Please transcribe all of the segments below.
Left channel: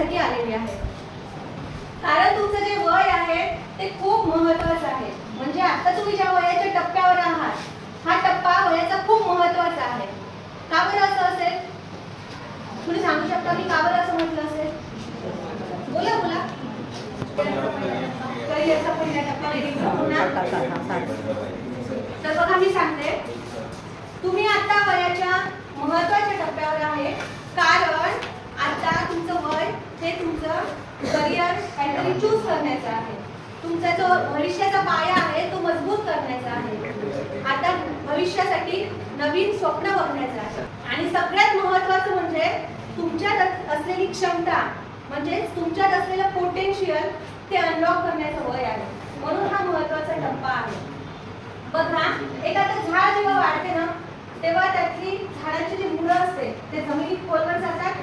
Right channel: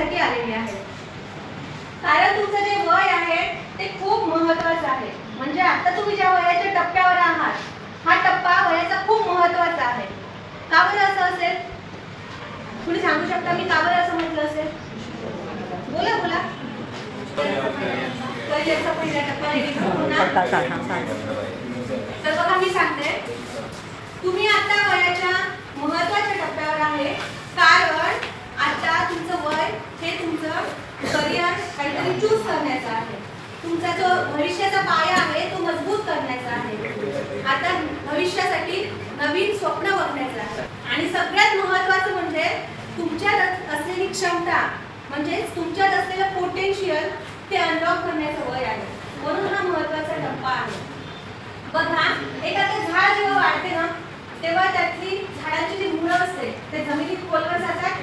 याच्यासाठी आलेली आहे, कारण तुमचं जे वय आहे ते खूप महत्त्वाचं आहे. म्हणजे आता तुम्ही ज्या वयाच्या टप्प्यावर आहात, हा टप्पा वयाचा खूप महत्त्वाचा आहे. का बरं असं असेल? तुम्ही सांगू शकता मी का बरं असं म्हटलं असेल? बोला बोला. करिअरचा पहिला टप्पा. तर बघा मी सांगते, तुम्ही आता वयाच्या महत्त्वाच्या टप्प्यावर आहे, कारण आता तुमचं वय हे तुमचं करिअर काहीतरी चूज करण्याचं आहे. तुमचा जो भविष्याचा पाया आहे तो मजबूत करण्याचा आहे. आता भविष्यासाठी नवीन स्वप्न बघण्याचं आहे. आणि सगळ्यात महत्त्वाचं म्हणजे तुमच्यात असलेली क्षमता, म्हणजे तुमच्यात असलेलं पोटेन्शियल ते अनलॉक करण्याचं वय आहे. म्हणून हा महत्त्वाचा टप्पा आहे. बघा, एखादं झाड जेव्हा वाढते ना, तेव्हा त्यातली झाडाची जी मुळं असते ते जमिनीत खोलवर जातात,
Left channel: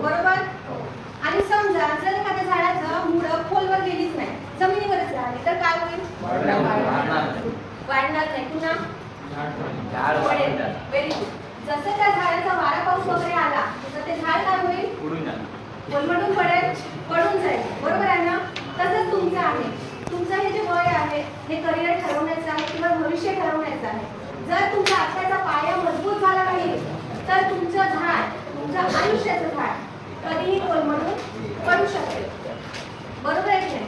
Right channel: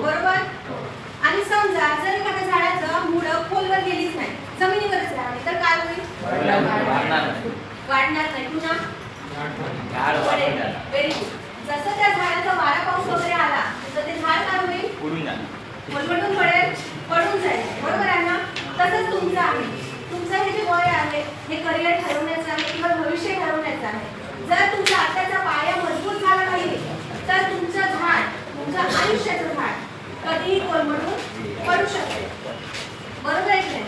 बरोबर? आणि समजा जर एखाद्या झाडाचं मुळं खोलवर गेलीच नाही, जमिनीवरच राहिली, तर काय होईल? वाढणार नाही. पुन्हा व्हेरी गुड. जसं त्या झाडाचा वारा पाऊस वगैरे आला तर ते झाड काय होईल? कोलमडून पडेल, पडून जाईल, बरोबर आहे ना? तसंच तुमचं आहे. तुमचं हे जे वय आहे हे करिअर ठरवण्याचं आहे किंवा भविष्य ठरवण्याचं आहे. जर तुमचा आत्ताचा पाया मजबूत झाला नाही तर तुमचं झाड, तुमचं आयुष्याचं झाड कधीही कोलमडून पडू शकते, बरोबर आहे की नाही?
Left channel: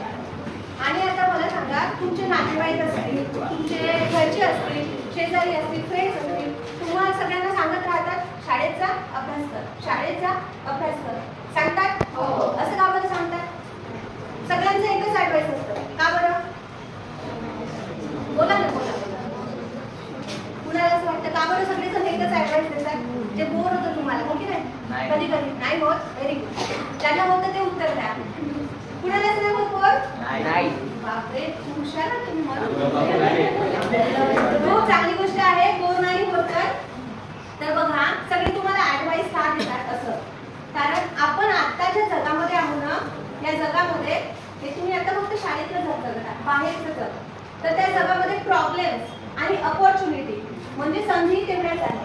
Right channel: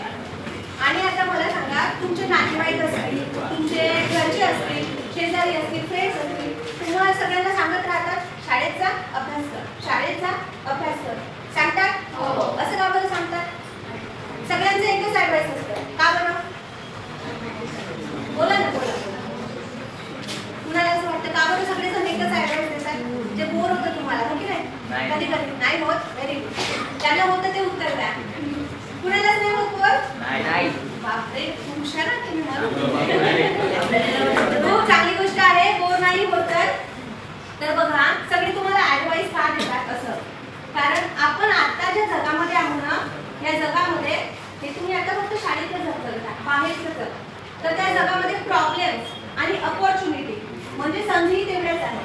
आणि आता मला सांगा, तुमचे नातेवाईक असतील, तुमचे घरचे असतील, शेजारी असतील, फ्रेंड्स असतील, तुम्हाला सगळ्यांना सांगत राहतात शाळेत जा, अभ्यास कर, शाळेत जा, अभ्यास कर, सांगतात? असं का बरं सांगतात? सगळ्यांचं एकच ऍडवाइस असतं. का बरं? बोला ना, बोला. कुणाला असं वाटतं का बरं सगळेजण एकच ऍडवाइस देतात? ते बोर होतं तुम्हाला, हो की नाही? कधी कधी नाही होत? Very good. ज्याला होतं ते उत्तर द्या. कुणालाच नाही होत बोर? नाही. बापरे, हुशार आहात तुम्ही. खूप चांगली गोष्ट आहे, बोर नाही होत. तर बघा, सगळे तुम्हाला ऍडवाइस का देतात असं? कारण आपण आत्ताच्या जगामध्ये आहोत ना, या जगामध्ये हे तुम्ही आता फक्त शाळेतलं जग बघता, बाहेरचं जग. तर त्या जगामध्ये प्रॉब्लेम्स आणि अपॉर्च्युनिटी म्हणजे संधी तेवढ्याच आहे,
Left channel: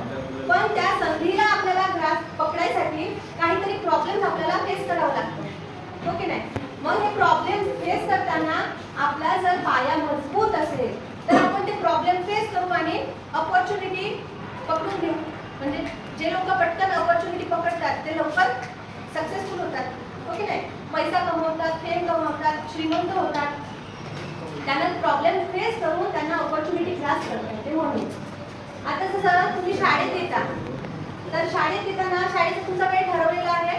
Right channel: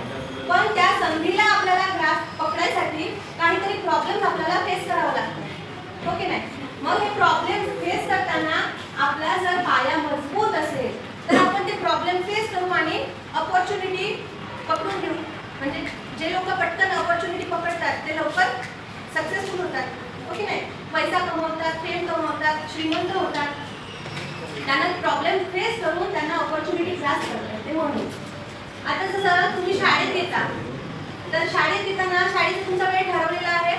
पण त्या संधीला आपल्याला ग्रास पकडायसाठी काहीतरी प्रॉब्लेम्स आपल्याला फेस करावं लागतं, हो की नाही? मग हे प्रॉब्लेम फेस करताना आपला जर पाया मजबूत असेल तर आपण ते प्रॉब्लेम फेस करू आणि अपॉर्च्युनिटी पकडून घेऊ. म्हणजे जे लोक पटकन अपॉर्च्युनिटी पकडतात ते लवकर सक्सेसफुल होतात, हो की नाही? पैसा कमवतात, फेम कमवतात, श्रीमंत होतात. त्यांना प्रॉब्लेम फेस करून त्यांना अपॉर्च्युनिटी जास्त करतात ते. म्हणून आता जसं तुम्ही शाळेत येता, तर शाळेत येताना शाळेचा तुमचा वेळ ठरवलेला आहे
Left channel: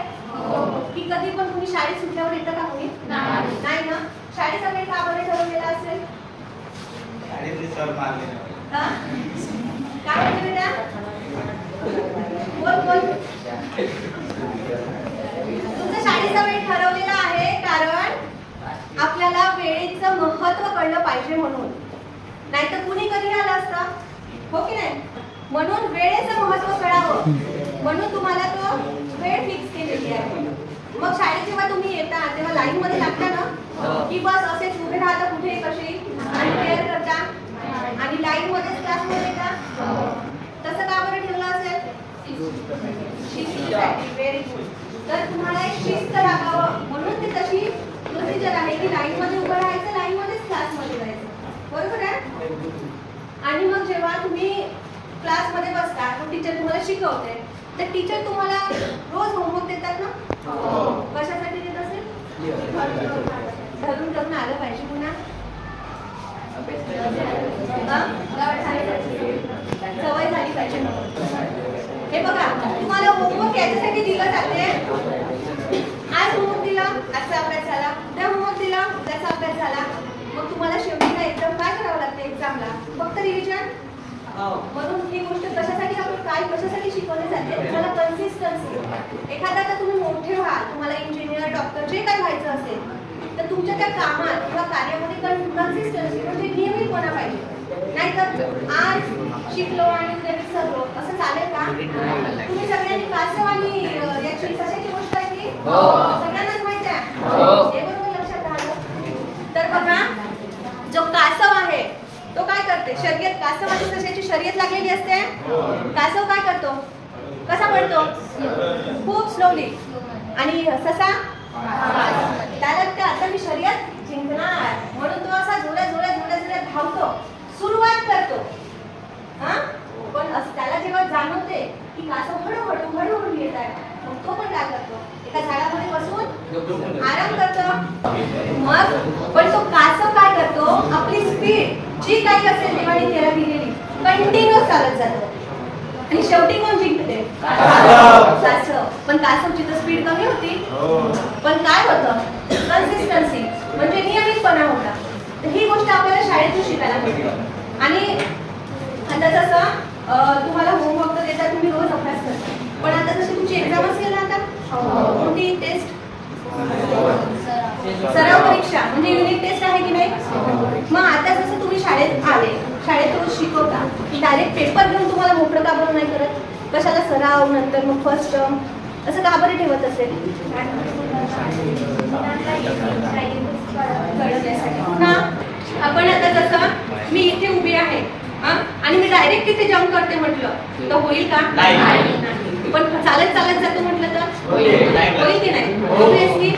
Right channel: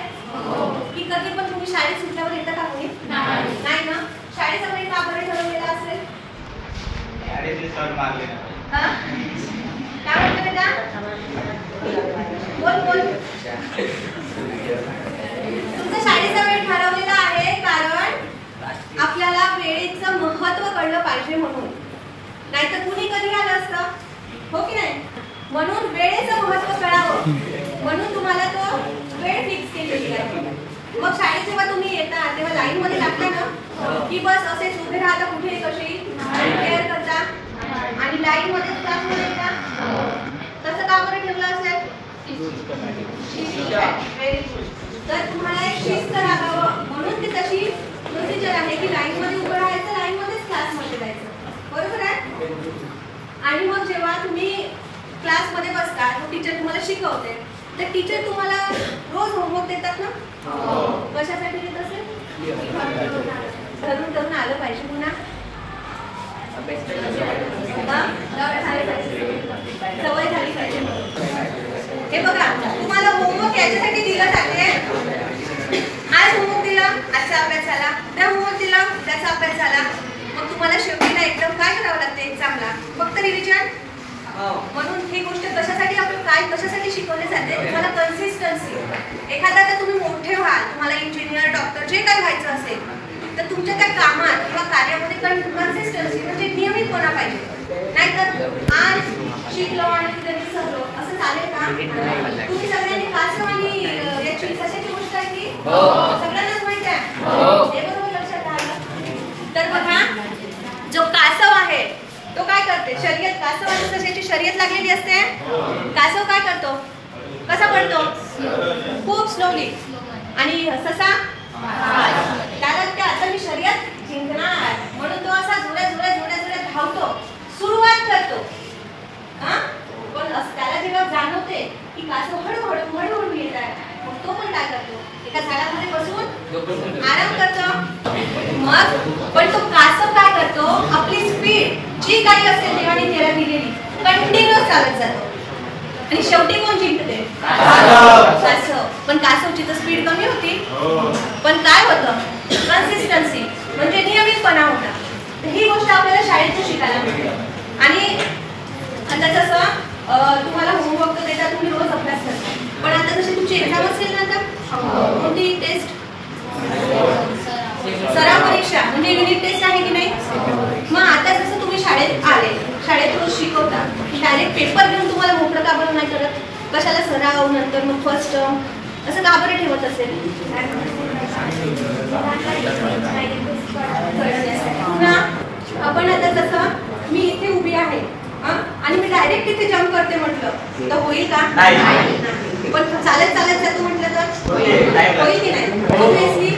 की कधी पण तुम्ही शाळेत सुटल्यावर येता का? कोणी नाही ना. शाळेचा वेळ का बरं ठरवलेला असेल? काय म्हणते बेटा? बोल बोल. तुमचा शाळेचा वेळ ठरवलेला आहे कारण आपल्याला वेळेचं महत्त्व कळलं पाहिजे म्हणून. नाहीतर कुणी कधी आलं असतं, हो की नाही? म्हणून वेळेचं महत्त्व कळावं म्हणून तुम्हाला तो वेळ फिक्स केलेली आहे. मग शाळेत जेव्हा तुम्ही येता तेव्हा लाईन मध्ये लागता ना, की बस असेच उभे राहता कुठे कशी केअर करता आणि लाईन मध्ये क्लासमध्ये येता? तसं का बरं ठेवलं असेल? Very good. तर तुम्हाला एक शिस्त लागावं म्हणून ती तशी प्रोसिजर आहे की लाईन मध्ये उभं राहायचं, लाईन मध्येच क्लासमध्ये जायचं, बरोबर आहे? आणि मग जेव्हा तुम्ही क्लासमध्ये बसता, टीचर तुम्हाला शिकवते, तर टीचर तुम्हाला रोज होमवर्क देतात ना? कशासाठी देत असेल? धरून धरून आलं पाहिजे पुन्हा, सवय झाली पाहिजे. हे बघा, तुम्हाला होमवर्क याच्यासाठी दिलं जाते. आज होमवर्क दिला, आजचा अभ्यास झाला, उद्या होमवर्क दिला, उद्याचा अभ्यास झाला. मग तुम्हाला शेवटीला एकदम काय करावं लागतं एक्झामला? फक्त रिव्हिजन. म्हणून ही गोष्ट कशासाठी आपण काय कशासाठी शिकवली जाते? तुम्हाला कन्सिस्टन्सी. एखादा तर तुम्ही मोठे व्हाल, तुम्हाला इंजिनियर, डॉक्टर जे काय व्हायचं असेल, तर तुमच्या त्या कामात किंवा कार्यामध्ये कन्सिस्टन्सी म्हणजे नियमितपणा पाहिजे. नाहीतर आज शिकलो आणि उद्या विसरलो असं चालेल का? तुम्ही सगळ्यांनी कासव आणि याची कशाची गोष्ट आहे ती सगळ्यांनाच माहिती आहे, हे बरोबर लक्षात आलं? तर बघा, जो कासव आहे तो काय करते? शर्यत. कासव त्याची शर्यत लागलेली असते. कासव काय करतो? कसा पडतो? खूप स्लोली. आणि ससा त्याला ते आता मी शर्यत जिंकणार म्हणून तो असा जोरात धावतो, सुरुवात करतो. पण त्याला जेव्हा जाणवते की कासव हळूहळू येत आहे, मग तो पण काय करतो, एका झाडामध्ये बसून आराम करतो. मग पण तो कासव काय करतो, आपली स्पीड जी काही असेल देवाने त्याला दिलेली कंटिन्युअस चालत जातो आणि शेवटी कोण जिंकते, कासव. पण कासवची तर स्पीड कमी होती, पण काय होतं, कन्सिस्टन्सी म्हणजे नियमितपणा होता. ही गोष्ट आपल्याला शाळेतून शिकायला मिळते. आणि आता जसं तुम्हाला होमवर्क तर देतात, तुम्ही रोज अभ्यास करता, पण आता जशी तुमची एक्झाम असेल ना, आता कोणती टेस्ट, सराव परीक्षा म्हणजे युनिट टेस्ट आहे की नाही. मग आता जसं तुम्ही शाळेत आले, शाळेत रोज शिकवता, डायरेक्ट पेपर घेऊन तुम्हाला मोकळं का बरं नाही करत, कशाला सराव, नंतर मग फर्स्ट टर्म असं का बरं ठेवत असेल. पुन्हा आपण आता जसं मी इथे उभी आहे आणि मी डायरेक्ट इथे जम्प करते म्हटलं तर होईल का, पण चालत जातो म्हटलं तर होईल की नाही, ऑब्वियसली.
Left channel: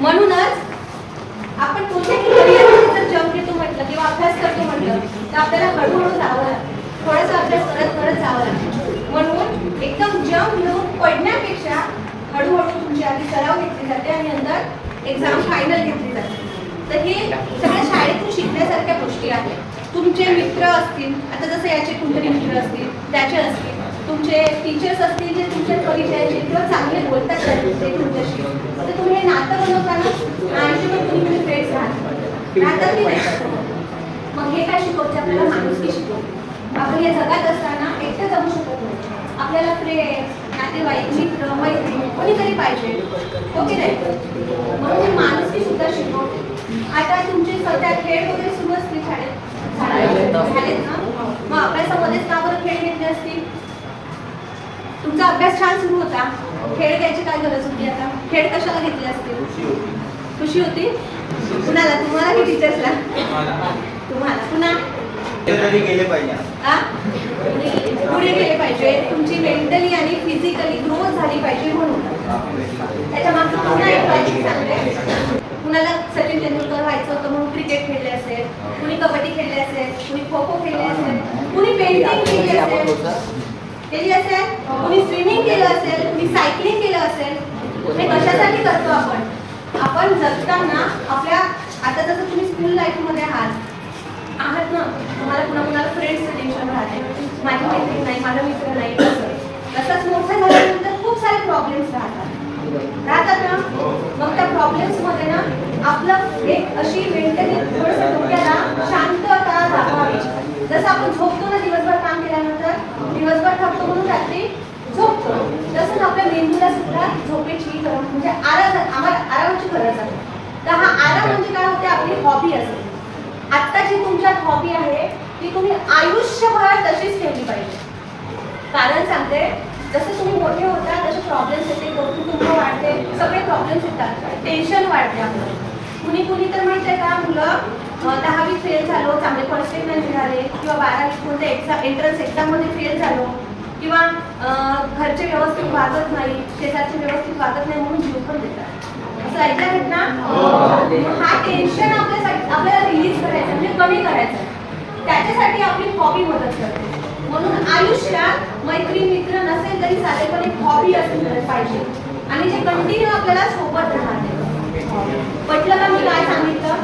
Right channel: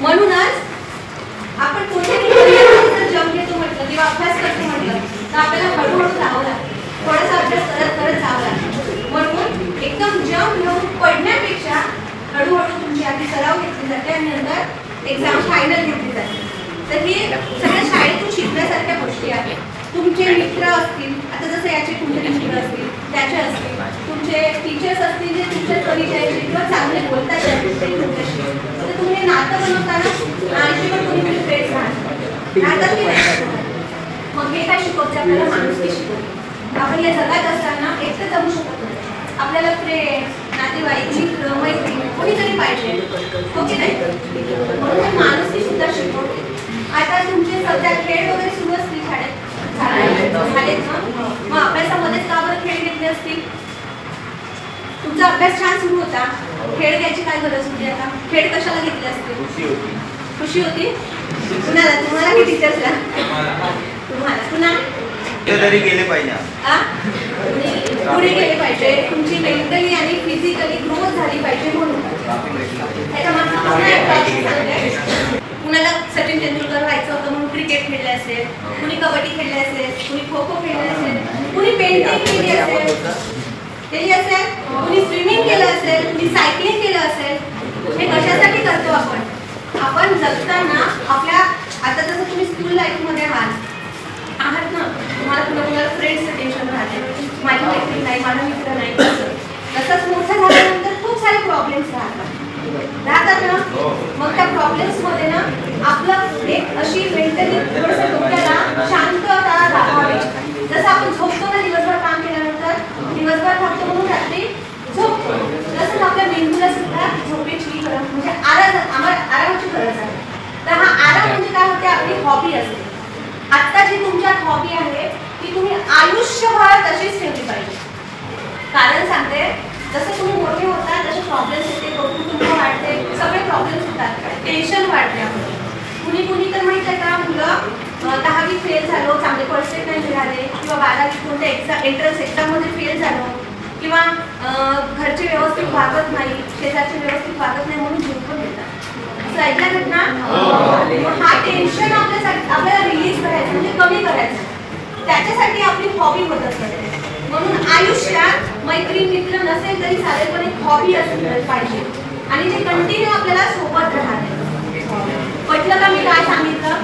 म्हणूनच आपण कुठेही जम्प घेतो म्हटलं किंवा अभ्यास करतो म्हटलं तर आपल्याला हळूहळू जावं लागतं, थोडासा अभ्यास करत जावं लागतं. म्हणून एकदम जम्प घेऊन पडण्यापेक्षा हळूहळू तुमची आधी सराव घेतली जाते आणि नंतर एक्झाम फायनल घेतली जाते. तर हे सगळ्या शाळेतून शिकण्यासारख्या गोष्टी आहेत. तुमचे मित्र असतील, आता जसं याचे कुठले मित्र असतील, त्याचे असतील, तुमचे टीचर्स असतील जे तुमच्या परिचयाचे किंवा चांगले बोलतात तुमच्याशी, तर तुम्ही हे नातं बनवताना आणि पण तुम्ही फ्रेंड्स राहतात की नाही. मग हे काय शिकवते आपल्याला, माणुसकी शिकवते. आपण या जगात असताना एकटं जमू शकत नाही, आपल्याला फ्रेंड्स, नातेवाईक, मित्र, मैत्रीण कोणीतरी पाहिजे, हो की नाही. म्हणून हे माणुसकी सुद्धा शिकवते. आता तुमचे सध्या खेळ वगैरे सुरू असतील शाळेत, झालेत ना, मग अभ्यासामध्येच का बरं खेळ घेतले असतील. तुमचा अभ्यास छान सुरू होता, खेळ घ्यायची काय गरज होती. आता खेळ कशाला घेतले असतील, खुशी होती. कुणाला, तुम्हाला की टीचर्सला, तुम्हाला. पुन्हा गेले पाहिजे, पुढे गेले पाहिजे, तुमची मेंटली आणि फिजिकली ग्रोथ झाली पाहिजे म्हणून. त्याच्या मागचं पुन्हा एक काळजी सांगते. कुणाला सचिन तेंडुलकर व्हायचं होतं म्हणून क्रिकेट खेळले असेल, कुणी कबड्डी खेळले असेल, कुणी खो खो खेळले असेल, कुणी पेंटिंग केली असेल, कुणी स्विमिंग केलं असेल, कुणी सायकलिंग केलं असेल. हे कशासाठी करतो आपण जगताना आपल्या. आता जसं तुम्ही स्कूल लाईफमध्ये आहात ना, तुम्हाला कुणाला फ्रेंड्सचं टेन्शन राहते, माझी मैत्रीण नाही, माझा मित्र नाही. तसंच मोठं झाल्यानंतर खूप सारे प्रॉब्लेम्स राहतात ना. मग त्या प्रॉब्लेम्स मध्ये ना आपलं एक अशी मेंटली थोडंसं डोक्याला शांतता राहावी. जसं आपण झोपतो ना दिवसभर काम केल्यानंतर, दिवसभर थकतो म्हणून रात्री झोपतो, तसंच आपल्या मेंदूला सुद्धा झोपेची गरज म्हणजे आरामाची गरज आहे. तर हा आराम म्हणजे काय होते, आपली हॉबी असते. आत्ता जी तुमच्यात हॉबी आहे ती तुम्ही आयुष्यभर तशीच ठेवली पाहिजे. कारण सांगते, जसं तुम्ही मोठे होता तसे प्रॉब्लेम्स येते, कुटुंब वाढते, सगळे प्रॉब्लेम्स येतात, टेन्शन वाढते आपलं. कुणी तर माहिती आहे का, मुलं 10वी फेल झालो, चांगले पर्सेंट नाही मिळाले, किंवा 12वी कोणत्या एंट्रन्स एक्झाममध्ये फेल झालो, किंवा घरचे व्यवस्थित वागत नाही, शेजारचे व्यवस्थित वागत नाही म्हणून जीव पण देतात. असं ऐकलं ना. हा टेन्शन आपल्याला रिलीज करायचं म्हणजे कमी करायचं, त्याच्यासाठी आपली हॉबी मदत करते. म्हणून आयुष्यात मैत्रीण मित्र नसेल तरी चालेल, पण एक हॉबी असली पाहिजे आणि जे कंटिन्यू आपल्याला सोबत राहते. म्हटलं का मी काय सांगितलं.